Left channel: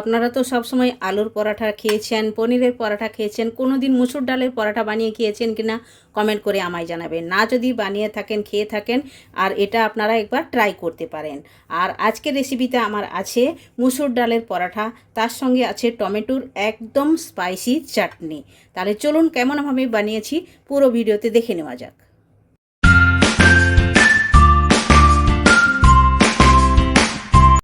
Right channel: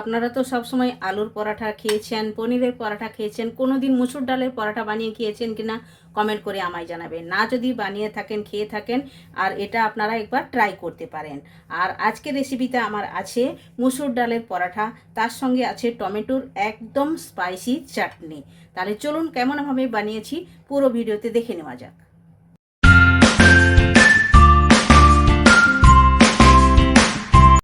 আপনারা তো সবসময় আলুর পরাঠা খেয়েছেন, পনিরের পরাঠা খেয়েছেন কোনো দিন মুসুর ডালের পরাঠা বানিয়ে খেয়েছেন কি না কমেন্ট করে আমায় জানাবেন। না যদি বানিয়ে থাকেন, খেয়ে থাকেন, আর এটা আপনারা একবার ট্রাই করতে পারেন। আর আজকের রেসিপিতে আমার আছে মুসুর ডালের পরাঠা, তার সঙ্গে আছে টমেটোর একদম স্পাইসি চাটনি। তাহলে চলুন কেমনভাবে বানিয়েছি পুরো ভিডিওতে দেখে নেওয়া যাক।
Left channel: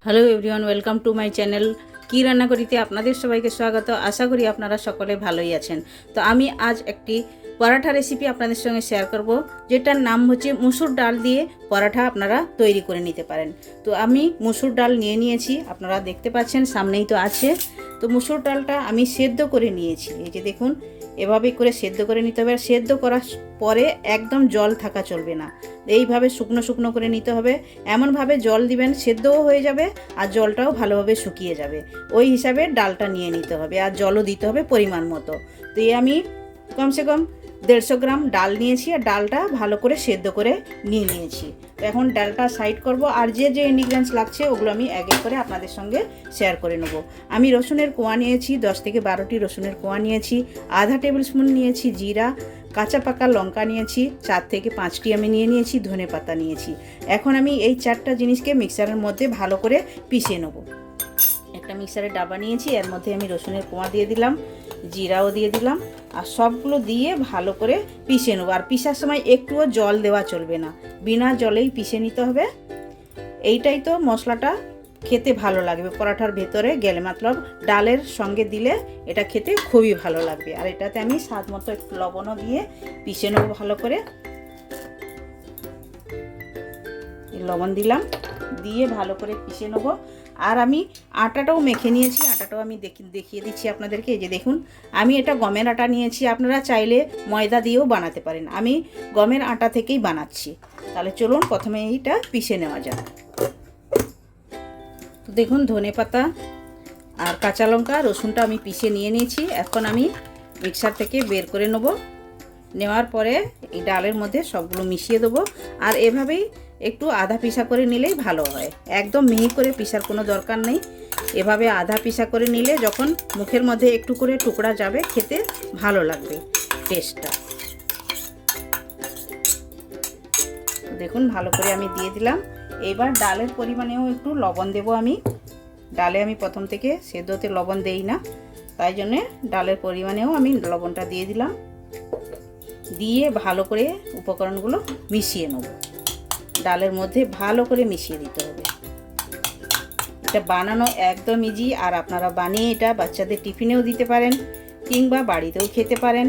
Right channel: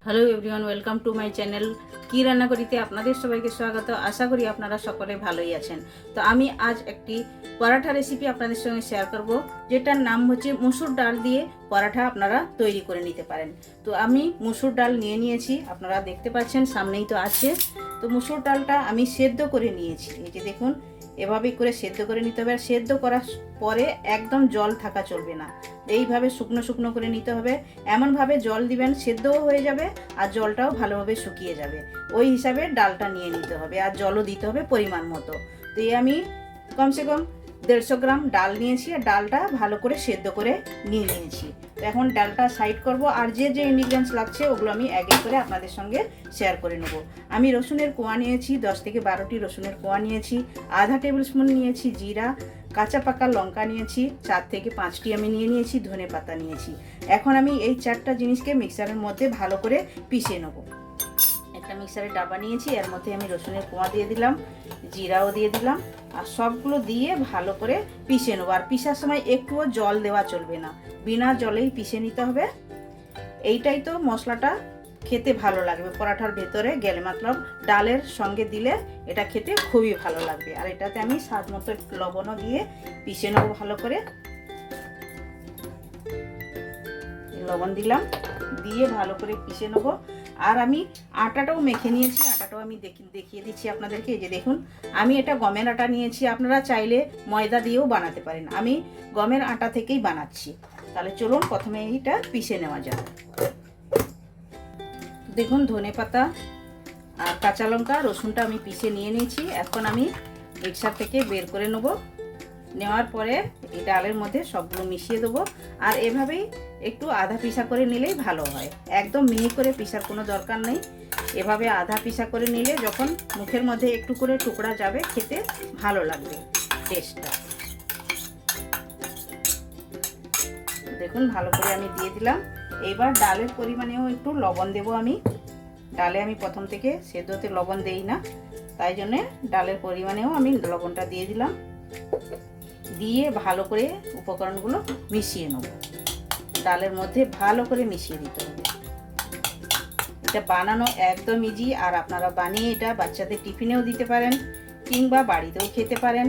Hello everyone welcome to my channel কি রান্না করিতে আপনাদের সবাইকে স্বাগত। আশা করি আপনারা সকলে ভালোই আছেন। তো আমি আজ একটি পরাঠা রেসিপি আপনাদের সঙ্গে শেয়ার করব, যেটার নাম হচ্ছে মুসুর ডাল দিয়ে পরাঠা আপনারা তৈরি করে নিতে পারেন। তো আমি মুসুর ডাল নিয়ে নিয়েছি, আপনারা দেখতে পাচ্ছেন সামনেই তো আছে। তো মুসুর ডালটা আমি সেদ্ধ করে নিয়েছি, এই যে দেখুন, এভাবে করে সেদ্ধ করে নিতে হবে। আর সেদ্ধ করার পরে একদম জল থাকা চলবে না। এইভাবে শুকনো শুকনো করে নিতে হবে। এমনভাবে জল দিবেন, সেদ্ধও হয়ে যাবে আর জলটাও ভালোভাবে শুকিয়ে যাবে। ওই হিসাবে ডালটা নিয়ে নিতে হবে আর জলও দিতে হবে পরিমাণ মতো। তো এই আমি কমসে কম দেড়শো গ্রাম ডাল নিয়েছি আর ডালটা ভালো করে সেদ্ধ করে নিয়ে নিয়েছি। তো এখন ডালটা সাইড করব আর যে যে ইনগ্রিডিয়েন্টস লাগছে ওগুলো আমি এক এক করে আপনাদের সঙ্গে শেয়ার করে নেব। আমি রসুনের কোয়া নিয়েছি, দশ থেকে বারোটি রসুনের কোয়া নিয়েছি, আধা টেবিল স্পুন নিয়েছি জিরা, কাঁচা পাকা লঙ্কা নিয়েছি, চার থেকে পাঁচটি আমি নিয়ে নিয়েছি, ধনে পাতা নিয়েছি। এখন আমি এই চারটা জিনিসকে মিক্সারের মধ্যে ভালো করে পিষে নেব। একটা মিক্সারের ডাবা নিয়েছি, এর মধ্যে আমি রসুনের কোয়া দিয়ে দিলাম, জিরাও দিয়ে দিলাম, আর সবগুলো দিয়ে ভালো করে পিষে নেব। আর পিসার সময় একটুও জল দেওয়া চলবে না, বিনা জলেই পিষে নিতে হবে। এইটাই তো মশলাটা, খেতে ভালো লাগবে। পরাঠার ভেতরে গেলে মতলব ডালের সঙ্গে দিলে এটা খেতে খুবই ভালো লাগবে। আর এটাতে আমি স্বাদ মতো একটু লবণও দিয়ে পিষে নেব ভালো করে। লবণ দিলাম, দিয়ে ভালো করে পিষে নেব। আর আমি আটাটাও মেখে নিয়েছি, আটাটাও আমি দেখিয়ে দিচ্ছি আপনাদেরকে, এই যে দেখুন, আমি এটা গমের আটা নিয়েছি, আপনারা চাইলে ময়দা দিয়েও বানাতে পারেন, আমি গমের আটা থেকেই বানাচ্ছি, তাহলে চলুন প্রথমে এইটা পিষে নেওয়া যাক, দেখুন ধনে পাতা আর কাঁচা লঙ্কা, রসুনটা আমি পিষে নিয়ে নিয়েছি, এখন আমি মিক্সার থেকে বের করে নেব, নেওয়ার পরে এই ডালের মধ্যে সবগুলো মিশিয়ে দেবো, আর এভাবেই একটু আধা পিসা করে নিলেই ভালো হয়। একদম মিহি করে পিসার কোনো দরকার নেই। এভাবে আধা পিসা করে নিলে যখন মুখের মধ্যে একটু করে টুকরা যাবে, খেতে ভালো লাগবে টেস্টটা দেখুন, ভালো করে আমি দিয়ে দিলাম। এবার ডালের পরিমাণেও একটু লবণ দেব আমি। ডালে আমি প্রথম থেকে সেদ্ধতে লবণ দেই না। তাই জন্যে ডালের পরিমাণেও আমি লবণটা দিয়ে দিলাম। দিয়ে ভালো করে উপকরণগুলো মিশিয়ে নেব। ডালের মধ্যে ভালো করে মিশিয়ে দিতে হবে। এটা বানানো একদম ইজি আর আপনারা বানিয়ে এটা বাচ্চাদের টিফিনেও দিতে পারেন, কিংবা বাড়িতেও খেতে পারেন,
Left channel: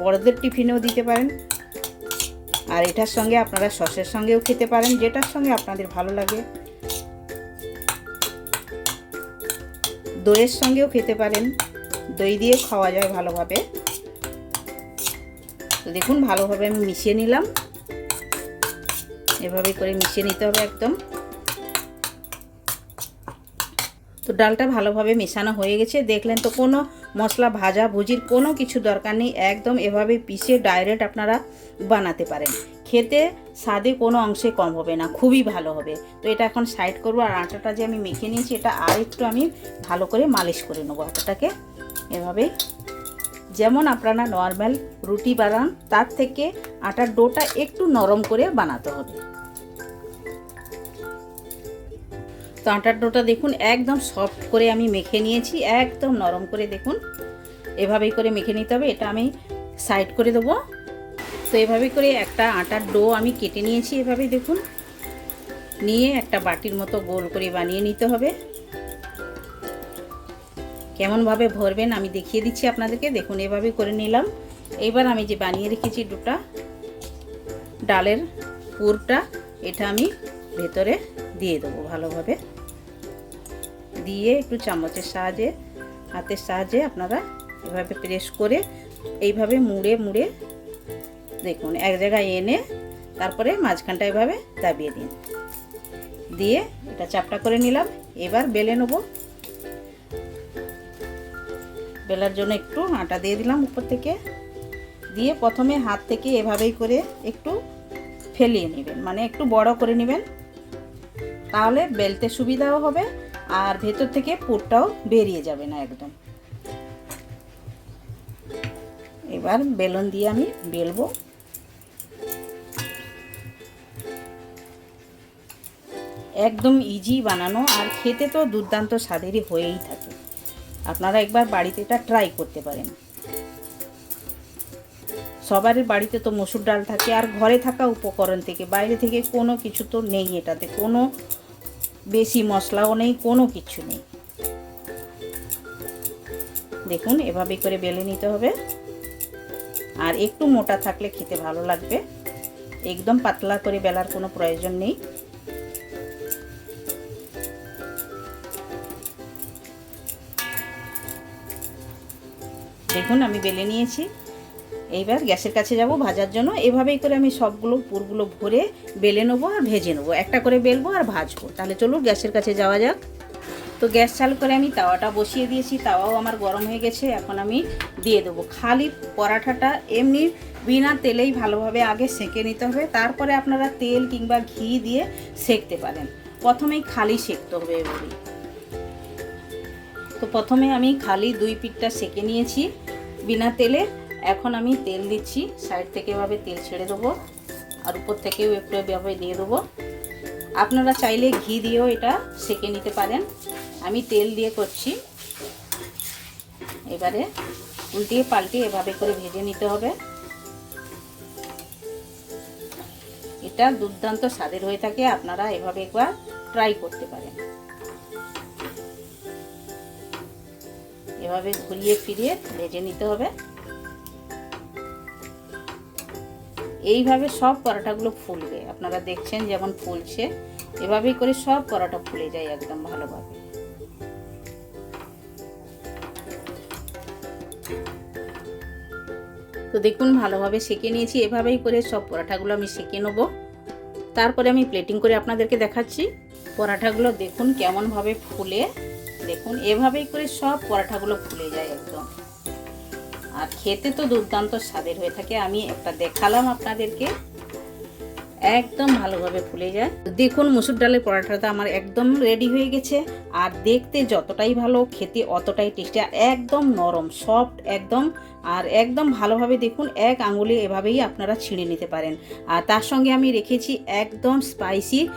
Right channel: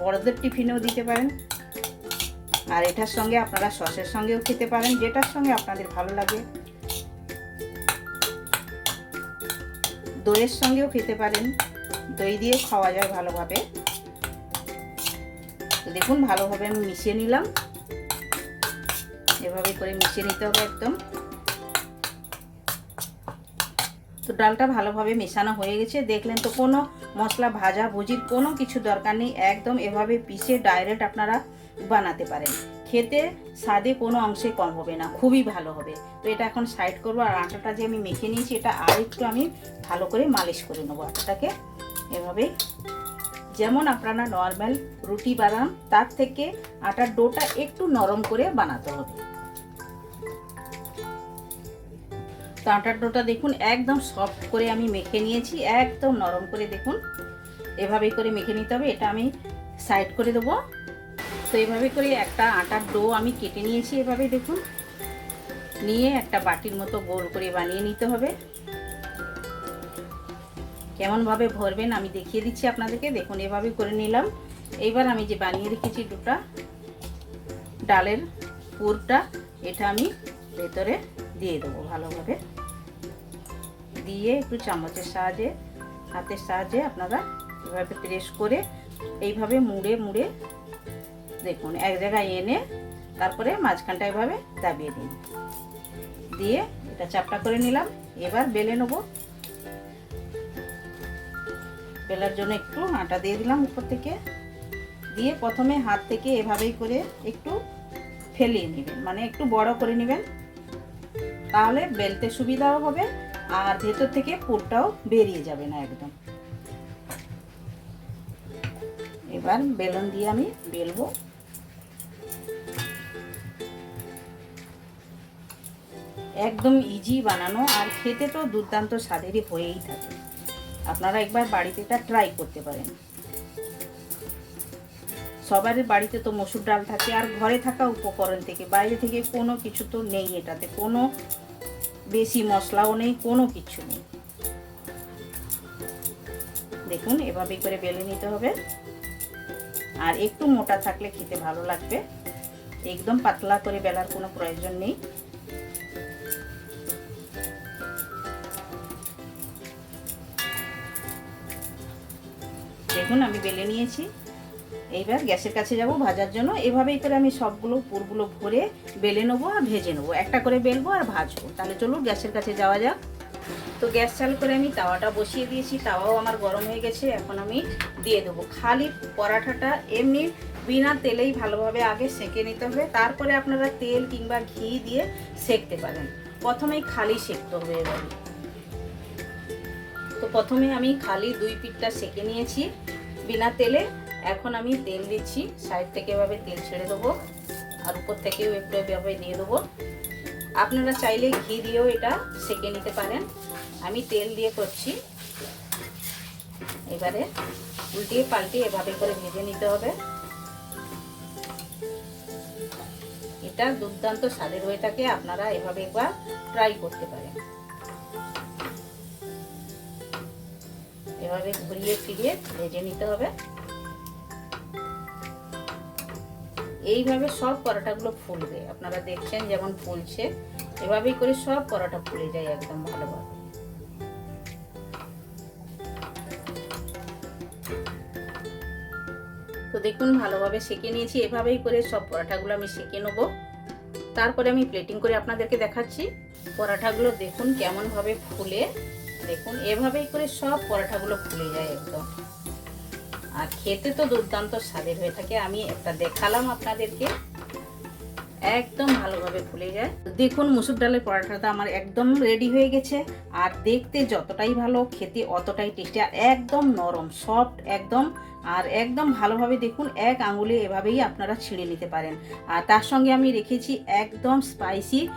বড়দের টিফিনেও দিতে পারেন। আর এটার সঙ্গে আপনারা সসের সঙ্গেও খেতে পারেন, যেটার সঙ্গে আপনাদের ভালো লাগে। দইয়ের সঙ্গেও খেতে পারেন, দই দিয়ে খাওয়া যায় ভালোভাবে। দেখুন, ভালোভাবে আমি মিশিয়ে নিলাম। এভাবে করে মিশিয়ে নিতে হবে একদম। তো ডালটা ভালোভাবে মেশানো হয়ে গেছে। দেখলেন তো কোনো মশলা, ভাজা, ভুজির কোনো কিছু দরকার নেই। একদম এভাবে পিষে ডাইরেক্ট আপনারা বানাতে পারেন। খেতে স্বাদে কোনো অংশে কম হবে না, খুবই ভালো হবে। তো এটা এখন সাইড করব আর আটাটা যে আমি মেখে নিয়েছি এটা আর একটু আমি ভালো করে মালিশ করে নেব। আটাটাকে এভাবে। যেমন আপনারা নর্মাল রুটি বানান, তার থেকে আটার ডোটা একটু নরম করে বানাতে হবে। তো আটার ডোটা দেখুন, একদম সফট করে আমি মেখে নিয়েছি, একদম নরম করে দেখুন। এভাবেই করে মেখে নিতে হবে, এটা আমি সাইড করে দেবো। তো এভাবে করে একটা আটার ডো আমি কেটে নিয়েছি, এভাবেই দেখুন। নিয়ে একটা বাটির মতো গোল করে বানিয়ে নিতে হবে। কেমনভাবে ভরবেন আমি দেখিয়ে দিচ্ছি আপনাদেরকে, দেখুন এভাবে করে নিলাম। এবার আমি যে বানিয়ে রেখেছি দুটা ডালের পুরটা, এটা আমি ভেতরে দিয়ে দেবো ভালোভাবে। দিয়ে একটু চামচের সাহায্যে, হাতের সাহায্যে আপনারা এভাবে প্রেস করে এইভাবে মুড়ে মুড়ে দেখুন এক জায়গায় এনে তারপরে মাঝখানটা এভাবে দাবিয়ে দিন। দিয়ে এটা চাপটা করে নিলাম। এবার বেলে নেব। বেলার জন্য একটু আটা দিয়ে দিলাম উপর থেকে। দিয়ে প্রথমে হাত থেকে এভাবেই করে একটু ফেলিয়ে নেবেন মানে একটু বড় করে নেবেন। তাহলে বেলতে সুবিধাও হবে। আর ভেতর থেকে পুরটাও বেরিয়ে যাবে না একদম। এবার বেলুন দিয়ে আমি বেলবো। একদম ইজি বানানো, আর খেতে তো দুর্দান্ত স্বাদেরই হয়েই থাকে। আপনারা একবার বাড়িতে এটা ট্রাই করতে পারেন। সবার বাড়িতে তো মসুর ডাল থাকে, আর ঘরে থাকা উপকরণ থেকে, বাইরে থেকে কোনো কিছু তো নেই এটাতে। কোনো বেশি মশলাও নেই, কোনো কিছু নেই। দেখুন, এভাবে করে বেলে নিতে হবে। আর একটু মোটা থাকলে খেতে ভালো লাগবে। একদম পাতলা করে বেলার কোনো প্রয়োজন নেই। দেখুন, আমি বেলে নিয়েছি। এইবার গ্যাসের কাছে যাব ভাজার জন্য। এভাবেই করে আমি সবগুলো পুরগুলো ভরে বেলে নেব আর ভেজে নেব। একটা করে বেলবো আর ভাজবো। তাহলে চলুন গ্যাসের কাছে যাওয়া যাক। তো গ্যাস চালু করে আমি তাওয়াটা বসিয়ে দিয়েছি। তাওয়াও আমার গরম হয়ে গেছে, এখন আমি দিয়ে দেবো। খালি পরাঠাটা এমনি বিনা তেলেই ভালোভাবে আগে সেঁকে নিতে হবে। তারপরে আপনারা তেল কিংবা ঘি দিয়ে সেঁকতে পারেন। প্রথমেই খালি সেঁকতে হবে এভাবে। তো প্রথমে আমি খালি দুই পিঠটা সেঁকে নিয়েছি বিনা তেলে। এখন আমি তেল দিচ্ছি, সাইড থেকে এভাবে তেল ছেড়ে দেবো, আর উপর থেকেও একটু এভাবে দিয়ে দেবো। আপনারা চাইলে ঘি দিয়েও এটা সেঁকে নিতে পারেন। আমি তেল দিয়ে করছি। এবারে উল্টিয়ে পাল্টে এভাবে করে ভেজে নিতে হবে। এটা দুর্দান্ত স্বাদের হয়ে থাকে, আপনারা এভাবে একবার ট্রাই করতে পারেন। এভাবে ঘুরিয়ে ফিরিয়ে ভেজে নিতে হবে। এইভাবে সব পরোটাগুলো ফুলবে। আপনারা দেখছেন যেমন ফুলছে, এভাবেই করে সব পরোটা ফুলে যায় একদম ভালোভাবে। তো দেখুন, ভালোভাবে সেঁকে নিয়েছি। এভাবেই করে সব পরোটাগুলো আমি সেঁকে নেব। তারপরে আমি প্লেটিং করে আপনাদেরকে দেখাচ্ছি। পরোটাগুলো দেখুন কেমনভাবে ফুলে। দেখুন, এভাবেই করে সব পরাঠাগুলো ফুলে যায় একদম। আর খেতে তো দুর্দান্ত স্বাদের হয়ে থাকে। আমি একটা দেখালাম আপনাদেরকে। একদম ভালোভাবে ফুলে যায়। দেখুন মুসুর ডালের পরোটাটা আমার একদম রেডি হয়ে গেছে। আর দেখতে যতটাই ভালো, খেতে অতটাই টেস্টি আর একদম নরম সফট একদম আর একদম ভালোভাবে দেখুন, এক আঙুলে এভাবেই আপনারা ছিঁড়ে নিতে পারেন। আর তার সঙ্গে আমি রেখেছি একদম স্পাইসি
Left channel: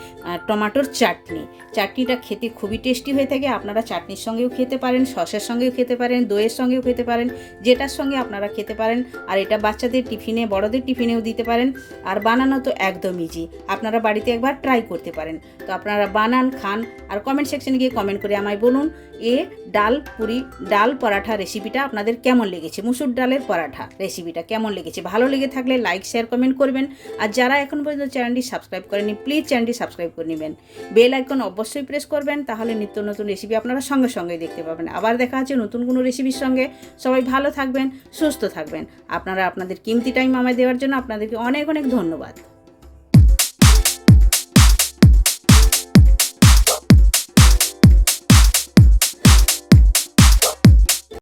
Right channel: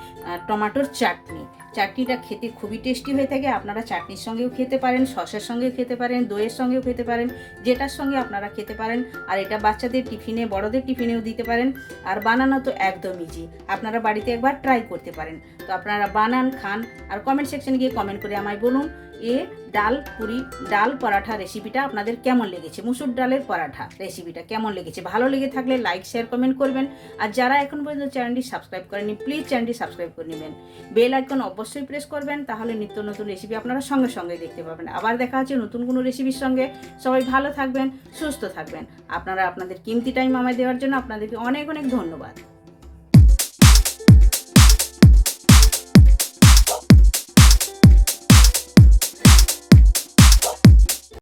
টমেটোর চাটনি। চাটনিটা খেতে খুবই টেস্টি হয়ে থাকে, আপনারা চাটনির সঙ্গেও খেতে পারেন, সসের সঙ্গেও খেতে পারেন, দইয়ের সঙ্গেও খেতে পারেন, যেটার সঙ্গে আপনারা খেতে পারেন। আর এটা বাচ্চাদের টিফিনে, বড়দের টিফিনেও দিতে পারেন। আর বানানো তো একদম ইজি আপনারা বাড়িতে একবার ট্রাই করতে পারেন। তো আপনারা বানান, খান, আর কমেন্ট সেকশনে গিয়ে কমেন্ট করে আমায় বলুন এ, ডাল, পুরি, ডাল পরাঠা রেসিপিটা আপনাদের কেমন লেগেছে? মুসুর ডালের পরাঠা রেসিপিটা কেমন লেগেছে? ভালো লেগে থাকলে লাইক শেয়ার কমেন্ট করবেন। আর যারা এখন পর্যন্ত চ্যানেলটি সাবস্ক্রাইব করেনি প্লিজ চ্যানেলটি সাবস্ক্রাইব করে নেবেন। বেল আইকন অবশ্যই প্রেস করবেন, তাহলে নিত্য নতুন রেসিপি আপনারা সঙ্গে সঙ্গে দেখতে পাবেন। আবার দেখা হচ্ছে নতুন কোনো রেসিপির সঙ্গে। সবাই ভালো থাকবেন, সুস্থ থাকবেন। আপনারা আপনাদের কিমতি টাইম আমায় দেওয়ার জন্য আপনাদেরকে অনেক অনেক ধন্যবাদ।